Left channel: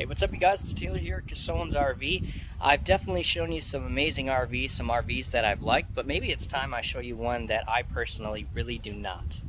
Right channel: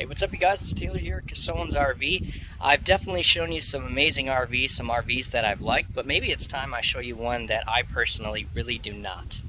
Hey, what's up, you guys? It's Taylor here at Casone's RV. I've definitely shown you some amazing RVs, some RVs that I've liked, but maybe it's time I show you one that I personally really do not.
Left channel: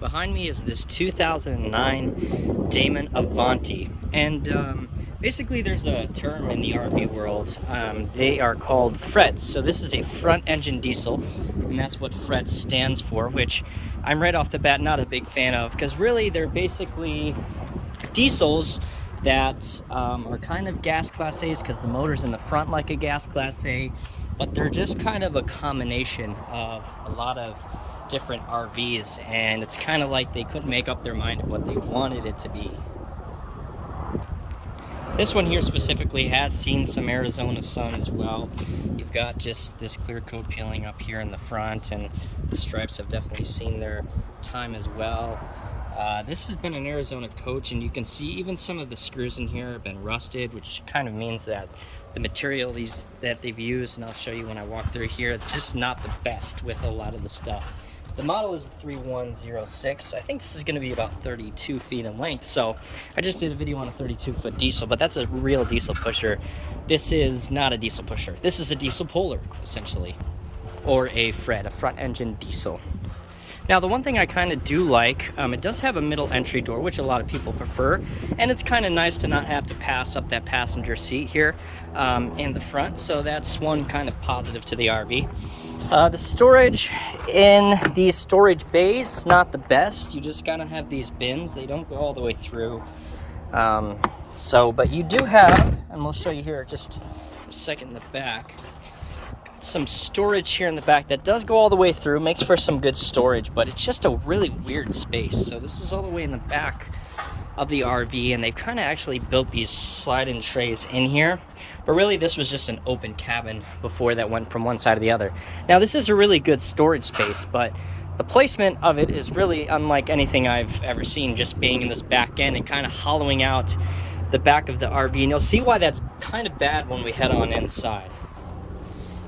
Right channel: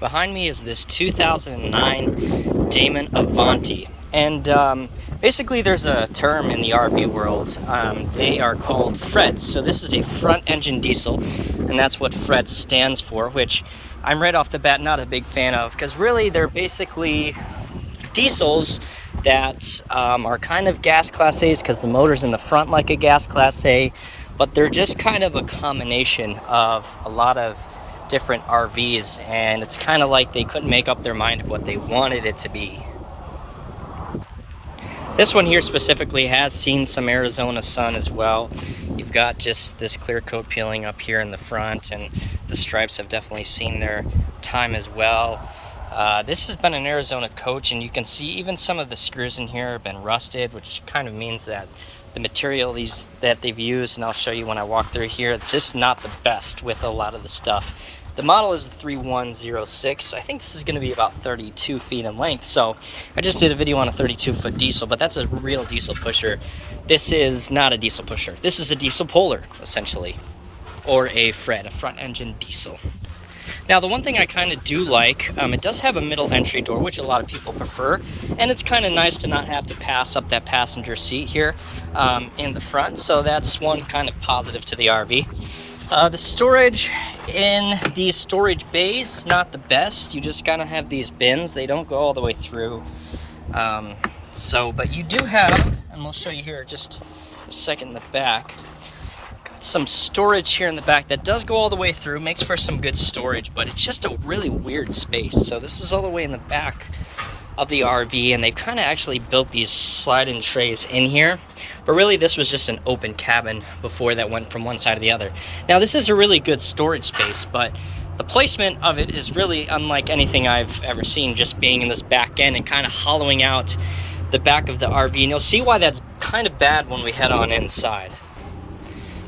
Behind me is this 2009 Damon Avanti, and basically there's a term in the RV world. They are called Freds. So this is a front engine diesel, and that's what Fred stands for, which I'm right off the bat not a big fan of, because really they're basically diesels that are kind of gas class A's because the motor's in the front like a gas class A, but they're just kind of a combination of a lot of different RVs, and it's kind of like they couldn't make up their mind of what they wanted it to be. This one here specifically has seen some Arizona sun as well. You've got just this clear coat peeling up here in the front, and the stripes have definitely seen their time as well. This has been an Arizona coach, and you can see even some of the screws in here have been rusted, which kind of means that the material that they've used, and I'll show you when I walk through here, it's just not the best with a lot of the stuff. The model is the 3106. I think this is going to be about 32 feet in length. So I just did a video on a 32-foot diesel, but that's a real diesel pusher. This is not a diesel pusher. This is a diesel puller, essentially, or a Fred, a front engine diesel. Now, the one thing I kind of do like, it does have a middle entry door, which a lot of people prefer, and it's kind of nice to not have to pass up that passenger seat here in the front, so that's one kind of positive to the RV. The storage in these storage bays, not the best. You just kind of have these bins. They don't go all the way through. But you do have, and we'll show you here just a second in the back, some storage here in the back that does go all the way through, makes for some good storage, but it's just a really weird space. So this is all the way in the back of the RV, and they've kind of actually built these slide-in trays in here, but really this was just an open cabin before that went from one side to the other. Now this is a really good storage space, but the placement of it is really unlike anything I've ever seen, just being in this back end and kind of hollowing out the back of the RV, and you'll see why that's kind of bad when we head on inside.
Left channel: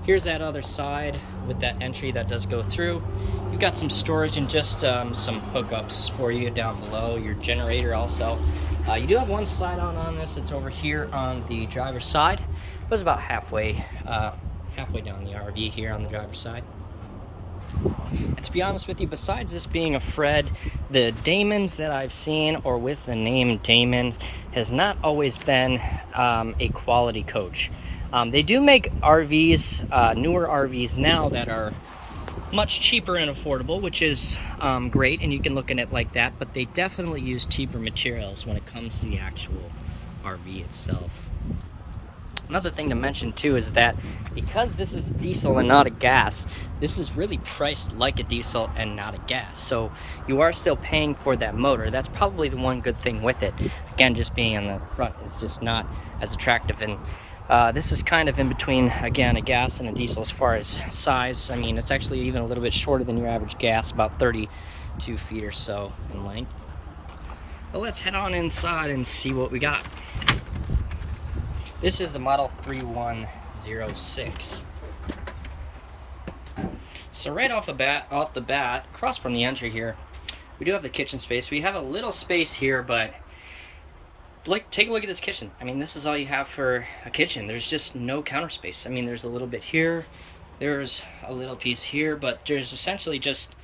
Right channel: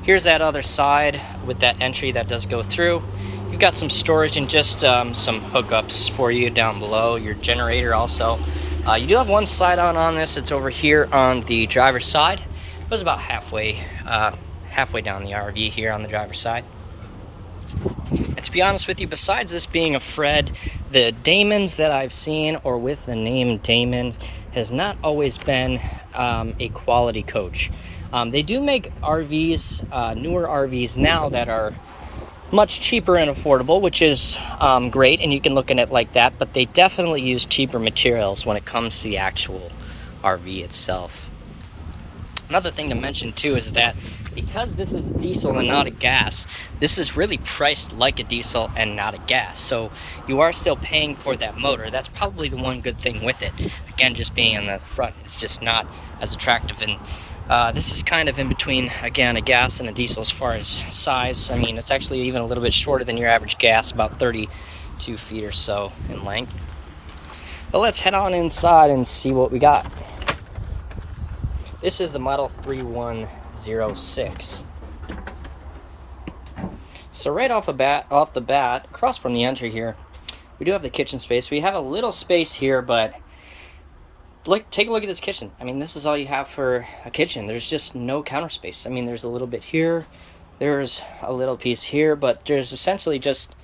Here's that other side with that entry that does go through. You've got some storage and just some hookups for you down below, your generator also. You do have one slide on this. It's over here on the driver's side. It goes about halfway down the RV here on the driver's side. And to be honest with you, besides this being a Fred, the Damons that I've seen, or with the name Damon, has not always been a quality coach. They do make RVs, newer RVs now that are much cheaper and affordable, which is great, and you can look at it like that, but they definitely use cheaper materials when it comes to the actual RV itself. Another thing to mention too is that because this is diesel and not a gas, this is really priced like a diesel and not a gas. So you are still paying for that motor. That's probably the one good thing with it. Again, just being in the front is just not as attractive. And this is kind of in between, again, a gas and a diesel as far as size. I mean, it's actually even a little bit shorter than your average gas, about 32 feet or so in length. But let's head on inside and see what we got. This is the model 3106. So right off the bat, across from the entry here, we do have the kitchen space. We have a little space here, but take a look at this kitchen. I mean, this is all you have for a kitchen. There's just no counter space. I mean, there's a little bit here, there's a little piece here, but there's essentially just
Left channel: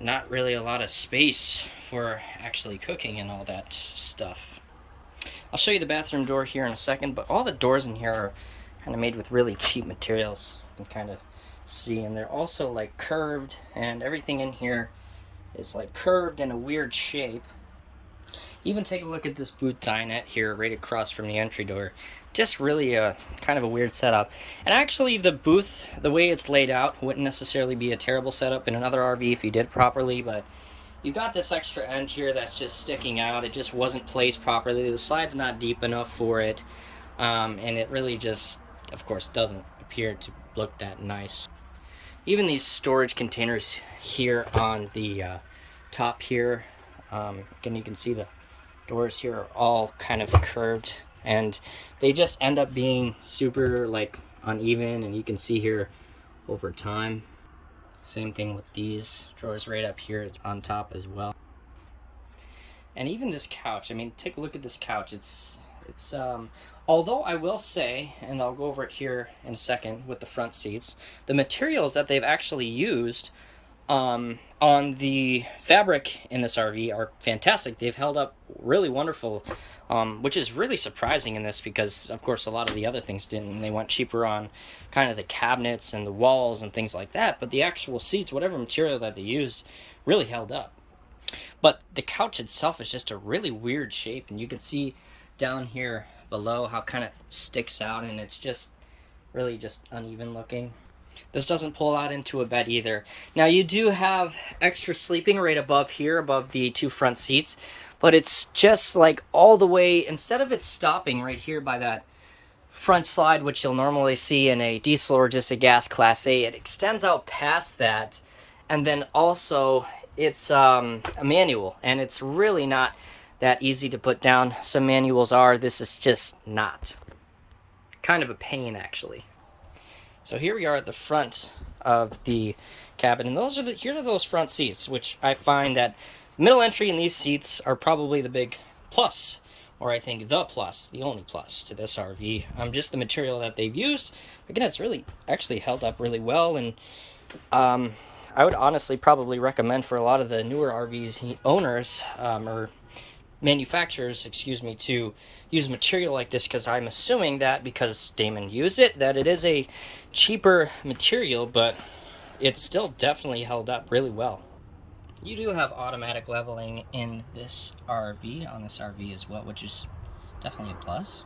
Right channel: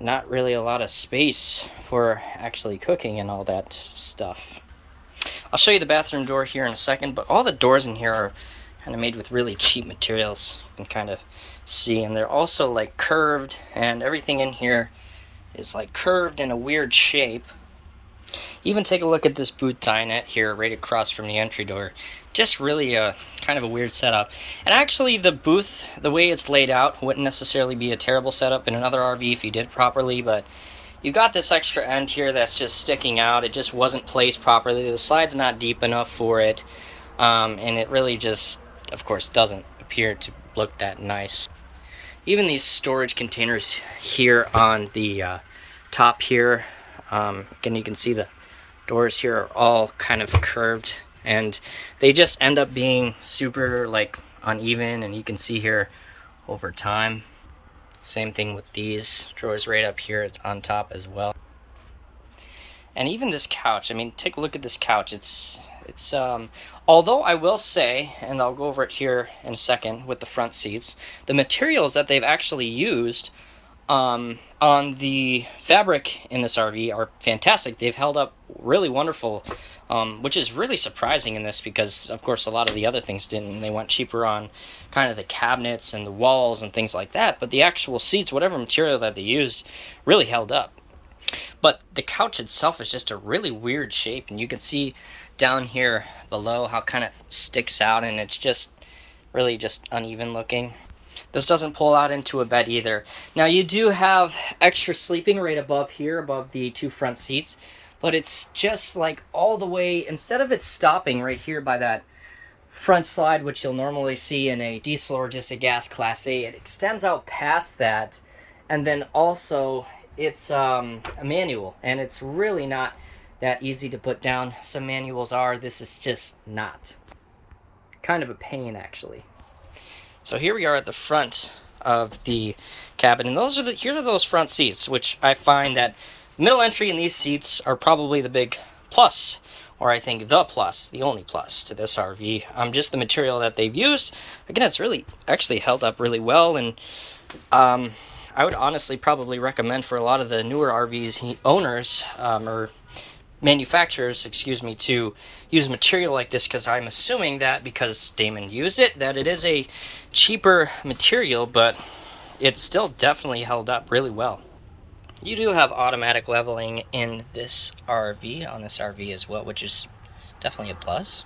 not really a lot of space for actually cooking and all that stuff. I'll show you the bathroom door here in a second, but all the doors in here are kind of made with really cheap materials. You can kind of see, and they're also like curved, and everything in here is like curved in a weird shape. Even take a look at this boot dinette here right across from the entry door. Just really a kind of a weird setup. And actually the booth, the way it's laid out, wouldn't necessarily be a terrible setup in another RV if you did properly, but you got this extra end here that's just sticking out. It just wasn't placed properly. The slide's not deep enough for it, and it really just, of course, doesn't appear to look that nice. Even these storage containers here on the top here, again, you can see the doors here are all kind of curved, and they just end up being super like uneven, and you can see here over time. Same thing with these drawers right up here, it's on top as well. And even this couch, I mean, take a look at this couch. Although I will say, and I'll go over it here in a second with the front seats, the materials that they've actually used on the fabric in this RV are fantastic. They've held up really wonderful, which is really surprising in this because, of course, a lot of the other things didn't. They went cheaper on kind of the cabinets and the walls and things like that. But the actual seats, whatever material that they used, really held up. But the couch itself is just a really weird shape, and you can see down here below how it kind of sticks out, and it's just really just uneven looking. This doesn't pull out into a bed either. Now you do have extra sleeping right above here, above the two front seats, but it's just like all the way, instead of it stopping right here by that front slide, which you'll normally see in a diesel or just a gas Class A, it extends out past that, and then also it's a manual, and it's really not that easy to put down. Some manuals are. This is just not. Kind of a pain, actually. So here we are at the front of the cabin, and here are those front seats, which I find that middle entry in these seats are probably the big plus, or I think the plus, the only plus to this RV. Just the material that they've used. Again, it's really actually held up really well, and I would honestly probably recommend for a lot of the newer RVs owners or manufacturers, excuse me, to use material like this, because I'm assuming that because Damon used it, that it is a cheaper material, but it's still definitely held up really well. You do have automatic leveling in this RV, on this RV as well, which is definitely a plus.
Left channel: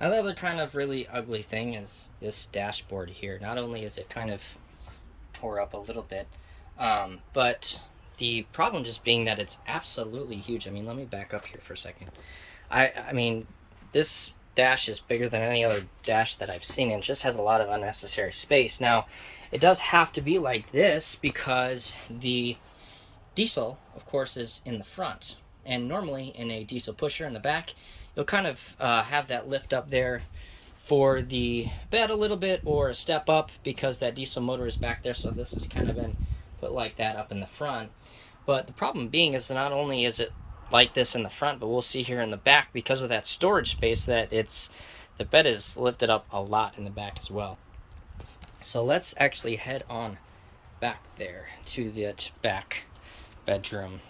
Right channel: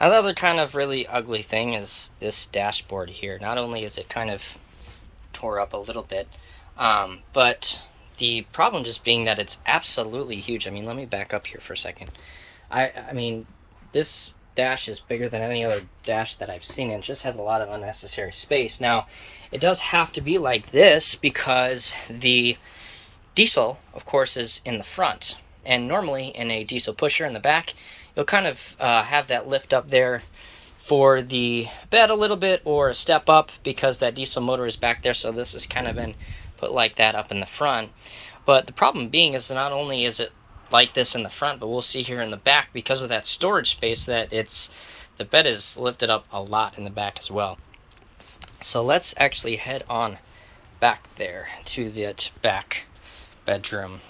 Another kind of really ugly thing is this dashboard here. Not only is it kind of tore up a little bit, but the problem just being that it's absolutely huge. I mean, let me back up here for a second. I mean, this dash is bigger than any other dash that I've seen, and it just has a lot of unnecessary space. Now, it does have to be like this because the diesel, of course, is in the front. And normally in a diesel pusher in the back, you'll kind of have that lift up there for the bed a little bit, or a step up, because that diesel motor is back there. So this has kind of been put like that up in the front. But the problem being is that not only is it like this in the front, but we'll see here in the back, because of that storage space, that the bed is lifted up a lot in the back as well. So let's actually head on back there to the back bedroom.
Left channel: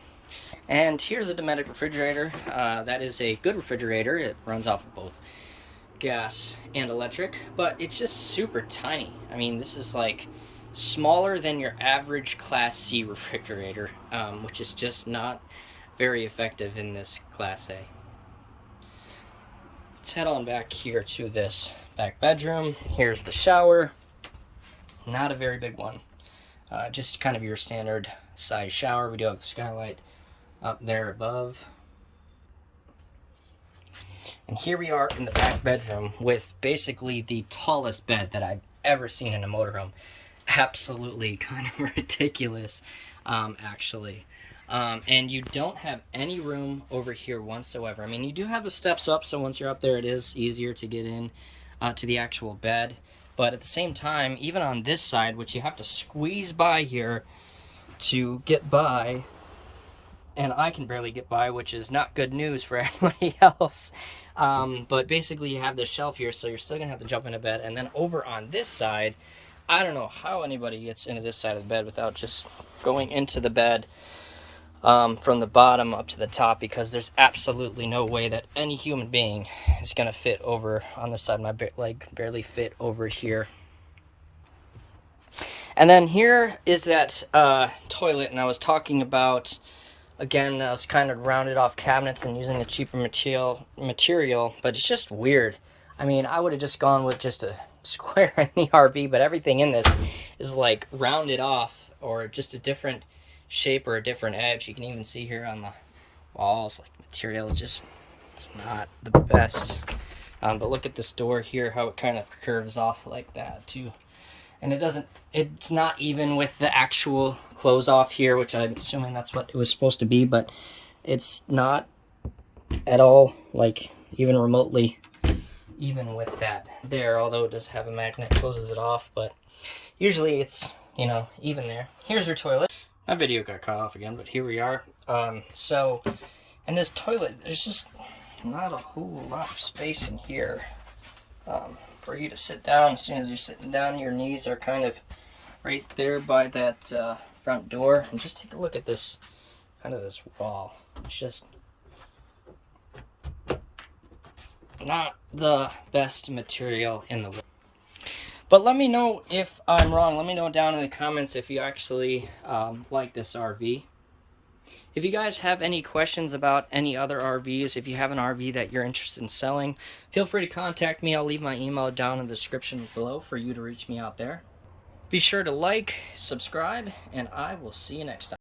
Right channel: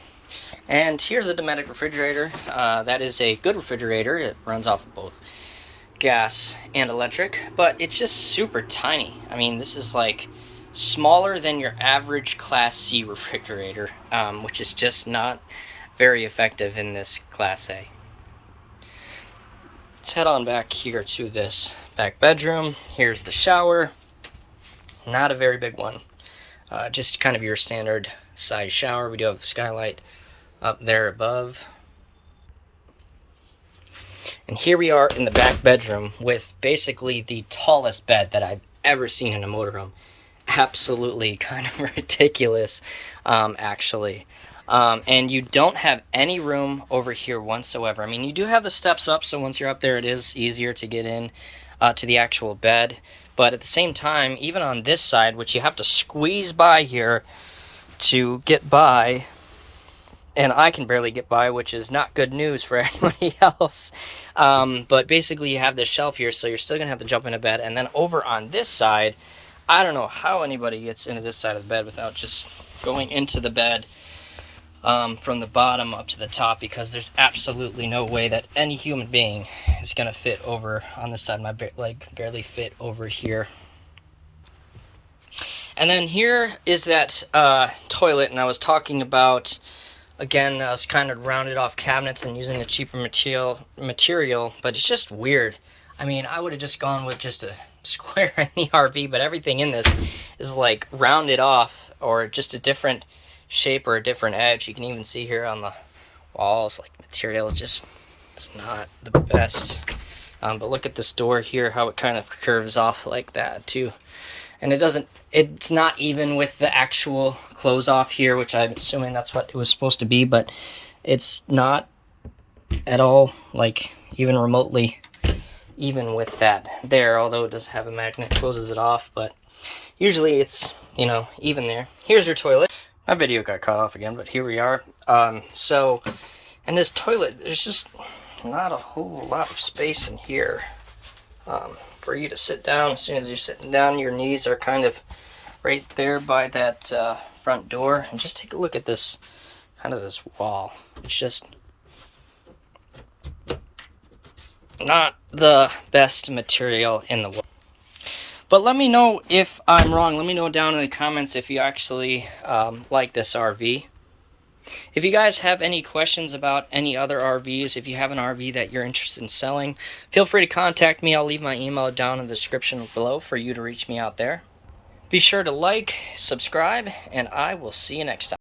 And here's a Dometic refrigerator. That is a good refrigerator. It runs off of both gas and electric, but it's just super tiny. I mean, this is like smaller than your average Class C refrigerator, which is just not very effective in this Class A. Let's head on back here to this back bedroom. Here's the shower. Not a very big one. Just kind of your standard size shower. We do have a skylight up there above. And here we are in the back bedroom with basically the tallest bed that I've ever seen in a motorhome. Absolutely kind of ridiculous, actually. And you don't have any room over here whatsoever. I mean, you do have the steps up, so once you're up there, it is easier to get in to the actual bed. But at the same time, even on this side, which you have to squeeze by here to get by, and I can barely get by, which is not good news for anybody else. But basically, you have this shelf here, so you're still going to have to jump into bed. And then over on this side, I don't know how anybody gets into this side of the bed without just going into the bed from the bottom up to the top, because there's absolutely no way that any human being is going to fit over on this side. My leg barely fit over here. And then here is that toilet, and I was talking about, again, I was kind of rounded off cabinets and using the cheaper material, but it's just weird. I mean, I would have just gone with just a square in the RV, but everything in this is like rounded off, or just a different shape or a different edge. You can even see here on the walls, like, material just is not the best. But look at this door here, how it kind of curves off like that too. And it's not even with the actual close off here, which I'm assuming that's what it was supposed to be, but it's not at all, like, even remotely even with that there, although it does have a magnet that closes it off, but usually it's, you know, even there. Here's your toilet. My video got cut off again, but here we are. And this toilet, there's just not a whole lot of space in here for you to sit down. As soon as you're sitting down, your knees are kind of right there by that front door. And just take a look at this, kind of this wall. It's just not the best material in the world. But let me know if I'm wrong. Let me know down in the comments if you actually like this RV. If you guys have any questions about any other RVs, if you have an RV that you're interested in selling, feel free to contact me. I'll leave my email down in the description below for you to reach me out there. Be sure to like, subscribe, and I will see you next time.